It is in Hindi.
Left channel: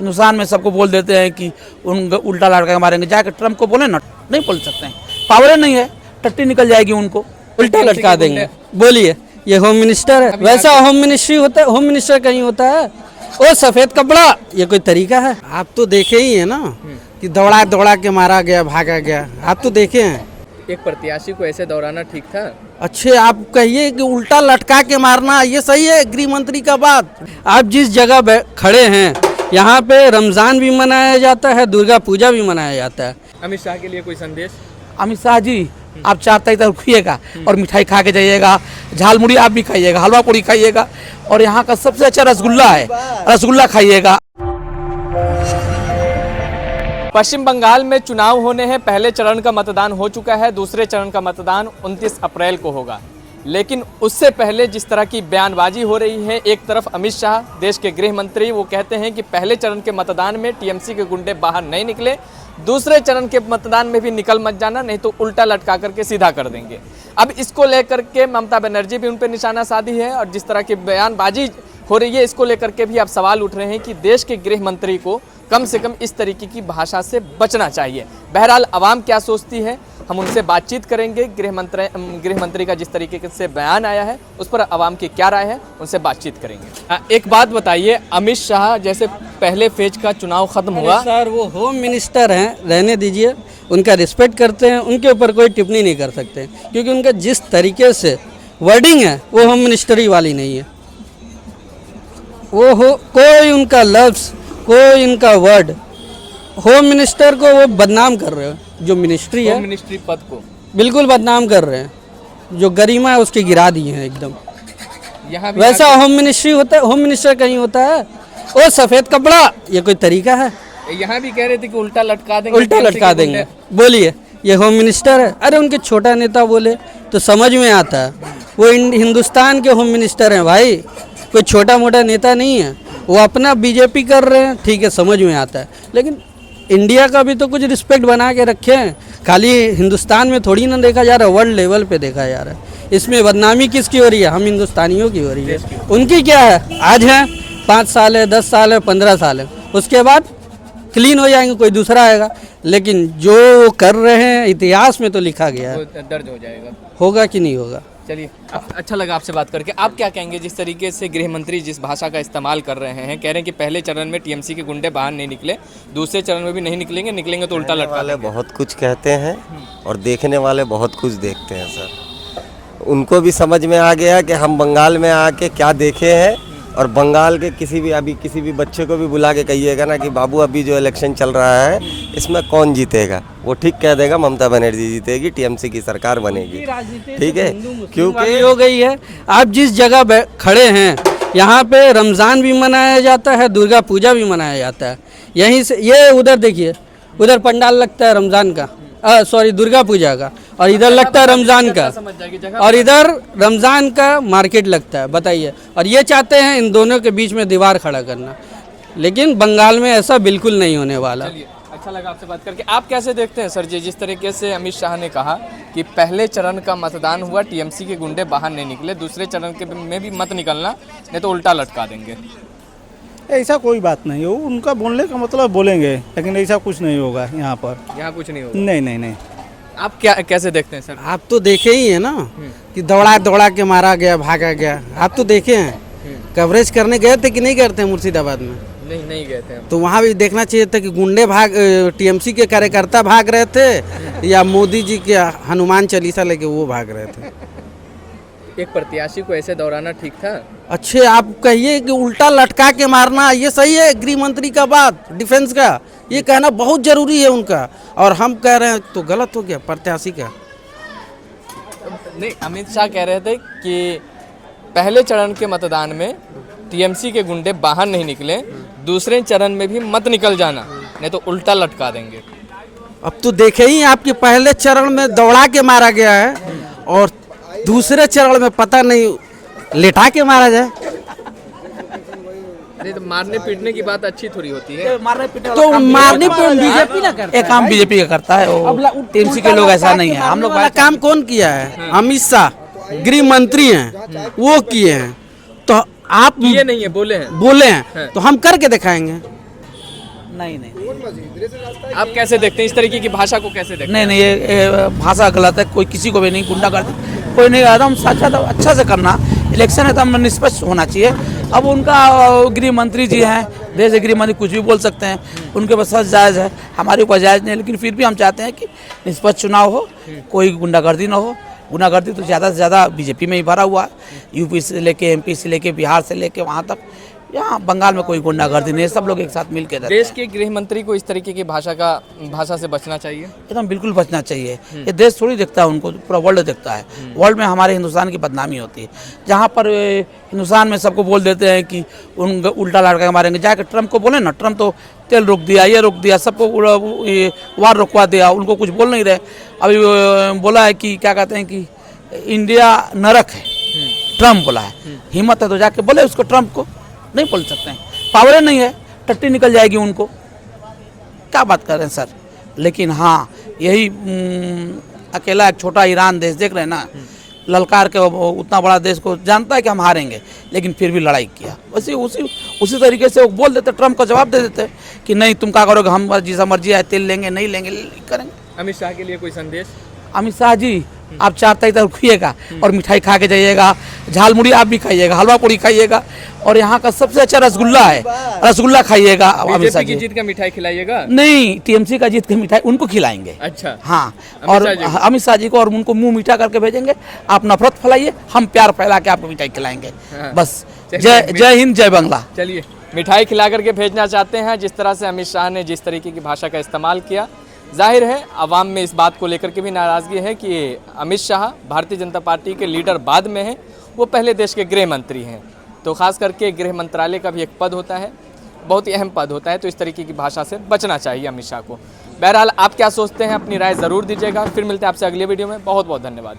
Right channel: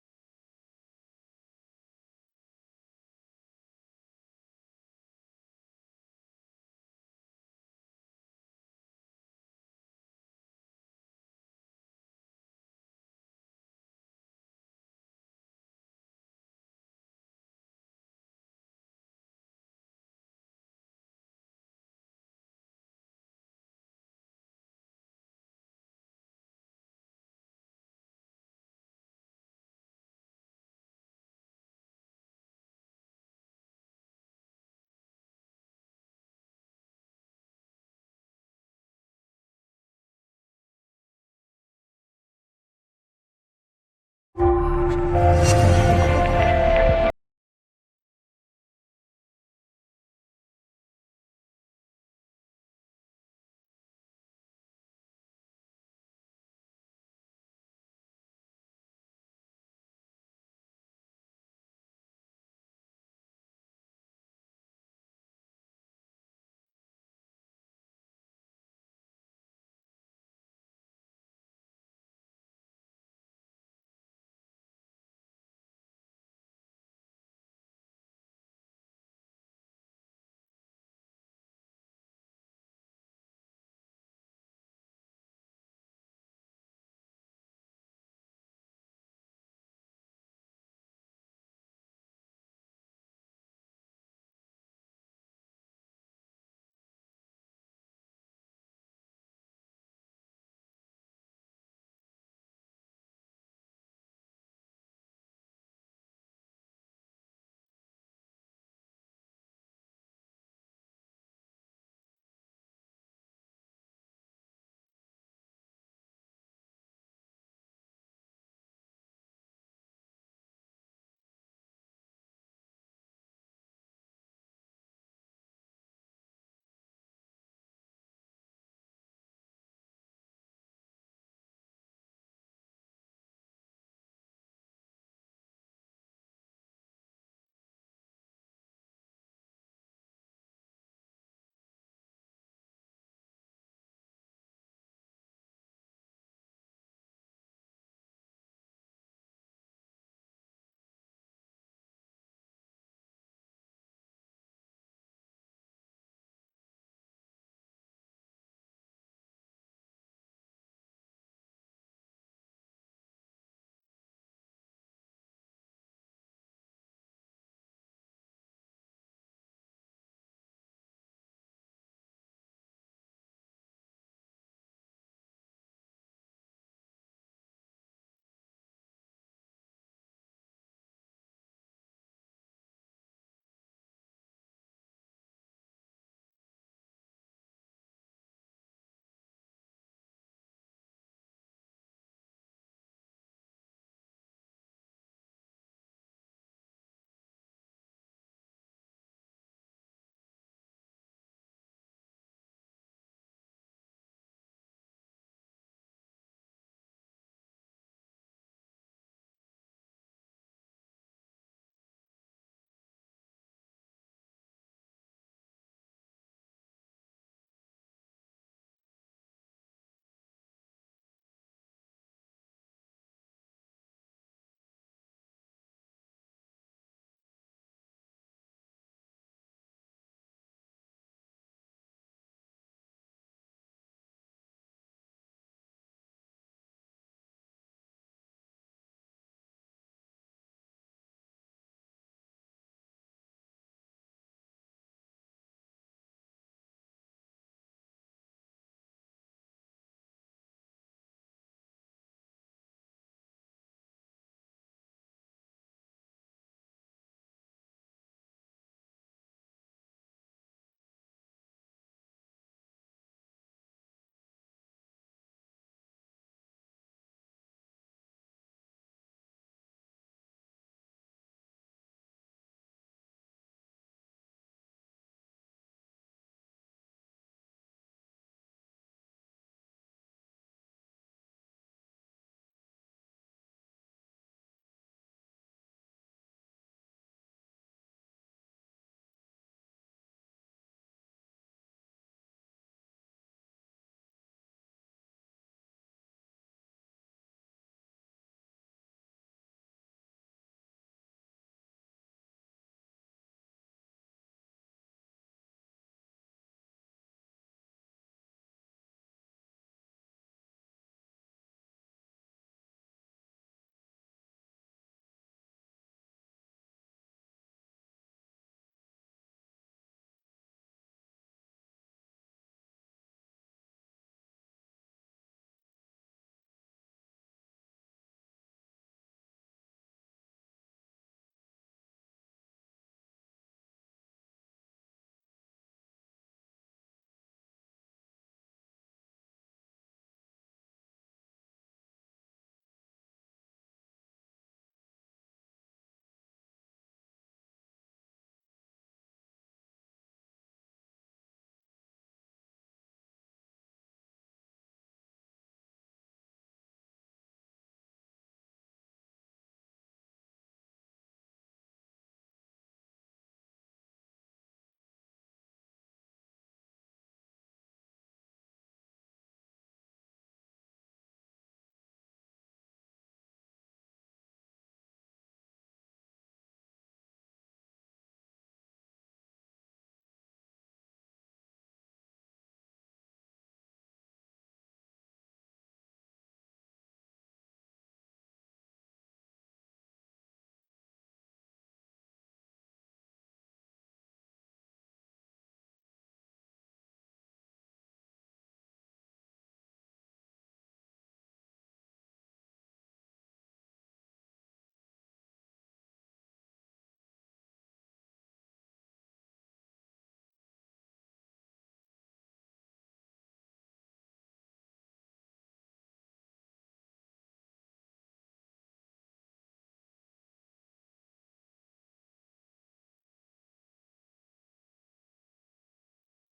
हिंदुस्तान में सबको बोल देते हैं कि उन उल्टा लटका के मारेंगे, जाकर ट्रम्प को बोले ना, नहीं बोल सकते हैं, पावर नहीं है, टट्टी निकल जाएगी उनको, उल्टा लटका देंगे। बोलिए, ये होम मिनिस्टर है, वैसा होम मिनिस्ट्री होता है, होम मिनिस्टर कहीं होता है, वो सफेद कपड़ा, ये कोई तरीका है? आप तो देखे ही है ना कि दौड़ा दौड़ा के मारा गया, भागा गया, आप तो देखे हैं। एक प्रत्याशी को ऐसे दौराना ठीक था? अच्छे आप कहिए कि उल्टा लटका के मारना ये सही है गृह मंत्री का बात? आप जिस जगह खड़े हैं यहाँ पे रमजान भी मनाया जाता है, दुर्गा पूजा भी मनाया जाता है। अमित शाह के लिए कोई संदेश? अमित शाह जी, आप 4 तारीख तक रुकिएगा और मिठाई खा के जाइएगा, झाल मुड़ी आप भी खाइएगा, हलवा पूड़ी खाइएगा, और यहाँ का सबसे अच्छा रसगुल्ला है, रसगुल्ला खाइएगा। पश्चिम बंगाल में चुनाव होने हैं, पहले चरण का मतदान हो चुका है, दूसरे चरण का मतदान 29 अप्रैल को होगा। लेकिन उससे पहले जिस तरह की बयानबाजी हो रही है, एक तरफ अमित शाह देश के गृह मंत्री वो कहते हैं कि पहले चरण के मतदान में टीएमसी के गुंडे बाहर नहीं निकले, दूसरे चरण के मतदान में भी निकल मत जाना, नहीं तो उल्टा लटका करके सीधा कर देंगे। अब इसको लेकर के ममता बनर्जी भी उन पर निशाना साधी है और जिस तरह की बयानबाजी हो रही है, इसको लेकर के भी अब सवाल उठ रहे हैं कि देश के गृह मंत्री को कम से कम इस तरीके की भाषा से बचना चाहिए। बहरहाल आवाम क्या सोचती है, हम उनसे बातचीत करेंगे। गृह मंत्री का जिस तरीके से बयान आया है उस पर आवाम की क्या राय है, उनसे बातचीत करेंगे। एक बात बताइए, अमित शाह जैसे पहले फेज का चुनाव खत्म हुआ, सर वो होम मिनिस्टर हैं, रहने दीजिए, उनका रिस्पेक्ट करते हैं, उनके ऊपर कोई टिप्पणी नहीं कर सकते, क्योंकि उनका जिस तरीके से वर्डिंग है वो होम मिनिस्टरी वाली नहीं है। वो कोई उनका लफ्ज़, कोई उनका वर्ड, होम मिनिस्टर को वो बदनाम कर रहे हो, जो मिनिस्ट्री है, मिनिस्ट्री पद को बिल्कुल बदनाम कर रहे हैं, जो गरिमा है उसकी गिरा दी है एकदम। यहाँ वैसा होम मिनिस्ट्री होता है, होम मिनिस्टर कहीं होता है, वो सफेद कपड़ा, ये कोई तरीका है? यहाँ भी कह रहे थे कि उल्टा लटका देंगे, उल्टा लटका देंगे। बोलिए, ये होम मिनिस्टर है? अरे उनके छोटा नेता बोले तो समझ में आता है, वो हिंदुस्तान के होम मिनिस्टर हैं भाई, कोई छोटा मोटा नेता नहीं है। वो अपना बीजेपी कर रहे हैं, ठीक है, समझ में आता है, लेकिन इंडिया का भी तो कुछ रिस्पेक्ट बना के रखे हैं। खाली हिंदुस्तान में थोड़ी ना देखा जा रहा है, वर्ल्ड लेवल पे देखा जा रहा है। इसमें बदनामी किसकी हो रही है? हम हिंदुस्तानियों की हो रही है। उनकी क्या है? आज है 5 साल है, 10 साल है, 15 साल है, उसके बाद क्लीन हो जाएंगे, कोई दूसरा आएगा। लेकिन जो कर रहे हैं इतिहास में तो लिखा गया है, दर्ज हो जाएगा। होगा कि नहीं होगा? चलिए, अच्छा लगा आपसे बात करके। आप क्या कहेंगे, जिस तरीके से गृह मंत्री जिस भाषा का इस्तेमाल कर रहे हैं, कह रहे हैं कि पहले चरण में टीएमसी के गुंडे बाहर नहीं निकले, दूसरे चरण में भी नहीं निकलेंगे, निकलेंगे तो उल्टा लटका वाले बहुत कुछ कहते हैं और देखने वाले बहुत कुछ देखते हैं सर। उनको भी समझ में आ गया कि हम बंगाल में आके क्या देखे हैं, और बंगाल के किसी भी बच्चे को भी बुला के कहिएगा ना कि बाबू अभी जो इलेक्शन चल रहा है इसमें कौन जीतेगा, वो ठीक कह देगा ममता बनर्जी जीतेगी, टीएमसी की सरकार बनेगी। ठीक है, क्योंकि हो गई है। आप जिस जगह खड़े हैं यहाँ पे रमज़ान भी मनाया जाता है, दुर्गा पूजा भी मनाया जाता है। यहीं से ये उधर देखिए, उधर पंडाल लगता है रमज़ान का, सॉरी दुर्गा पूजा का, और इधर लगता है रमज़ान का, और इधर रमज़ान का मार्केट लगता है। बताइए, और ये चाहते हैं इन दोनों के बीच में दीवार खड़ा करना, लेकिन बंगाल में ऐसा बिल्कुल नहीं होने वाला। अच्छा लगा आपसे बात करके। आप कैसे देखते हैं सर जी, जिस तरीके से अमित शाह ने कहा कि पहले चरण का मतदान हुआ, टीएमसी के गुंडे बाहर नहीं निकले, दूसरे चरण के में भी मत निकलना, नहीं तो उल्टा लटका देंगे? ऐसा कोई बात नहीं हो, उनका बोलने का मतलब बोलेंगे, लेकिन ऐसा कुछ नहीं होगा यहाँ पर। यहाँ कुछ नहीं होगा? नहीं नहीं नहीं। आप क्या कैसे देखते हैं सर? आप तो देखे ही है ना कि दौड़ा दौड़ा के मारा गया, भागा गया, आप तो देखे हैं। कवरेज करने गए थे कि नहीं गए थे मुर्शिदाबाद में? नहीं गए थे। तो वहाँ भी देखना चाहिए था कि गुंडे टीएमसी के कार्यकर्ता भाग रहे थे या मोदी जी के हनुमान चालीसा लेके वो भाग रहे थे। एक प्रत्याशी को ऐसे दौराना ठीक था? अच्छे आप कहिए कि उल्टा लटका के मारना ये सही है गृह मंत्री का बात, डिफेंस का ये कहना बहुत जरूरी है उनका, और हम कह रहे हैं तो गलत हो गया प्रत्याशी का। नहीं, अमित शाह कह रहे थे कि पहले चरण के मतदान में टीएमसी के गुंडे बाहर नहीं निकले, दूसरे चरण में भी मत निकल जाना, नहीं तो उल्टा लटका देंगे। अब तो देखे ही आपके पहले चरण में दौड़ा के मारा गया है, और दूसरे चरण में पता नहीं लेटा के मारा जाए। नहीं तो मारने पीटने की बात अच्छी थोड़ी होती है। मारने पीटने तो मारने पर बीजेपी ना करता है, एक काम बीजेपी का करता है, टीएमसी के लोग ऐसा नहीं है। हम लोग वाला काम कौन किया है? अमित शाह गृह मंत्री हैं, वो किए हैं, तो आप ये नहीं है, बोले हैं तो हम करके दिखाएंगे। नहीं नहीं आप कैसे देखते हैं इस तरीके की भाषा को, कैसे देखते नहीं नहीं, ये भाषा गलत है। कोई किसी को भी नहीं गुंडागर्दी, कोई नहीं, एकदम साक्षात अच्छा से करना। इलेक्शन एकदम निष्पक्ष होना चाहिए। अब उनका गृह मंत्री जी हैं, देश के गृह मंत्री कुछ भी बोल सकते हैं, उनके पास सब जायज़ है, हमारे ऊपर जायज़ नहीं है। लेकिन फिर भी हम चाहते हैं कि निष्पक्ष चुनाव हो, कोई गुंडागर्दी ना हो। गुंडागर्दी तो ज़्यादा से ज़्यादा बीजेपी में ही भरा हुआ है, यूपी से लेके एमपी से लेके बिहार से लेके वहाँ तक। यहाँ बंगाल में कोई गुंडागर्दी नहीं है, सब लोग एक साथ मिल के रहते हैं। देश के गृह मंत्री को इस तरीके की भाषा से बचना चाहिए। एकदम बिल्कुल बचना चाहिए। ये देश थोड़ी देखता है उनको, पूरा वर्ल्ड देखता है। वर्ल्ड में हमारे हिंदुस्तान की बदनामी होती है। जहाँ पर हिंदुस्तान में सबको बोल देते हैं कि उन उल्टा लड़का के मारेंगे, जाकर ट्रम्प को बोले ना, ट्रम्प तो तेल रोक दिया, ये रोक दिया, सबको वार रोकवा दिया, उनको कुछ बोल नहीं रहे। अभी बोला है कि क्या कहते हैं कि इंडिया नरक है, ट्रम्प बोला है। हिम्मत है तो जाके बोले उसको, ट्रम्प को नहीं बोल सकते हैं, पावर नहीं है, टट्टी निकल जाएगी उनको। क्या बात कर रहे हैं सर। लेकिन हाँ, यही अकेला एक छोटा ईरान देश देख रहे हैं ना, ललकार के उतना बड़ा देश को जानता है कि हम हारेंगे, लेकिन फिर भी लड़ाई किया। उसी तरीके से वो बोल देते, ट्रम्प को जवाब दे देते कि नहीं तुम क्या करोगे, हम जैसा मर्जी है तेल लेंगे, नहीं लेंगे, करेंगे। अमित शाह के लिए कोई संदेश? अमित शाह जी, आप 4 तारीख तक रुकिएगा और मिठाई खा के जाइएगा, झाल मुड़ी आप भी खाइएगा, हलवा पूड़ी खाइएगा, और यहाँ का सबसे अच्छा रसगुल्ला है, रसगुल्ला खाइएगा। अमित शाह बीजेपी की जी जीत का मिठाई खिलाइएगा? नहीं, टीएमसी का जीत की मिठाई उनको खिलाएंगे। अच्छा, हाँ, और अमित शाह जी को, और उनको मुंह मीठा करके भेजेंगे। आप नफरत फैलाइए, हम प्यार फैला के आपको मिठाई खिलाएंगे। बस जय हिंद, जय बांग्ला। चलिए, मिठाई खिला करके भेजना चाहते हैं। जिस तरह से अमित शाह ने जिस तरीके की भाषा का इस्तेमाल किया, जाहिर है आवाम में इस बात को लेकर के भी नाराज़गी है कि अमित शाह भारतीय जनता पार्टी के लीडर बाद में हैं, वो पहले देश के गृह मंत्री हैं। तो खास करके गृह मंत्रालय का भी एक पद होता है, बहुत ही अहम पद होता है, तो इस तरीके की भाषा से बचना चाहिए अमित शाह को। बहरहाल आप क्या सोचते हैं, अपनी राय ज़रूर दीजिएगा। फिर मिलते हैं आपसे अगले वीडियो में। बहुत बहुत धन्यवाद।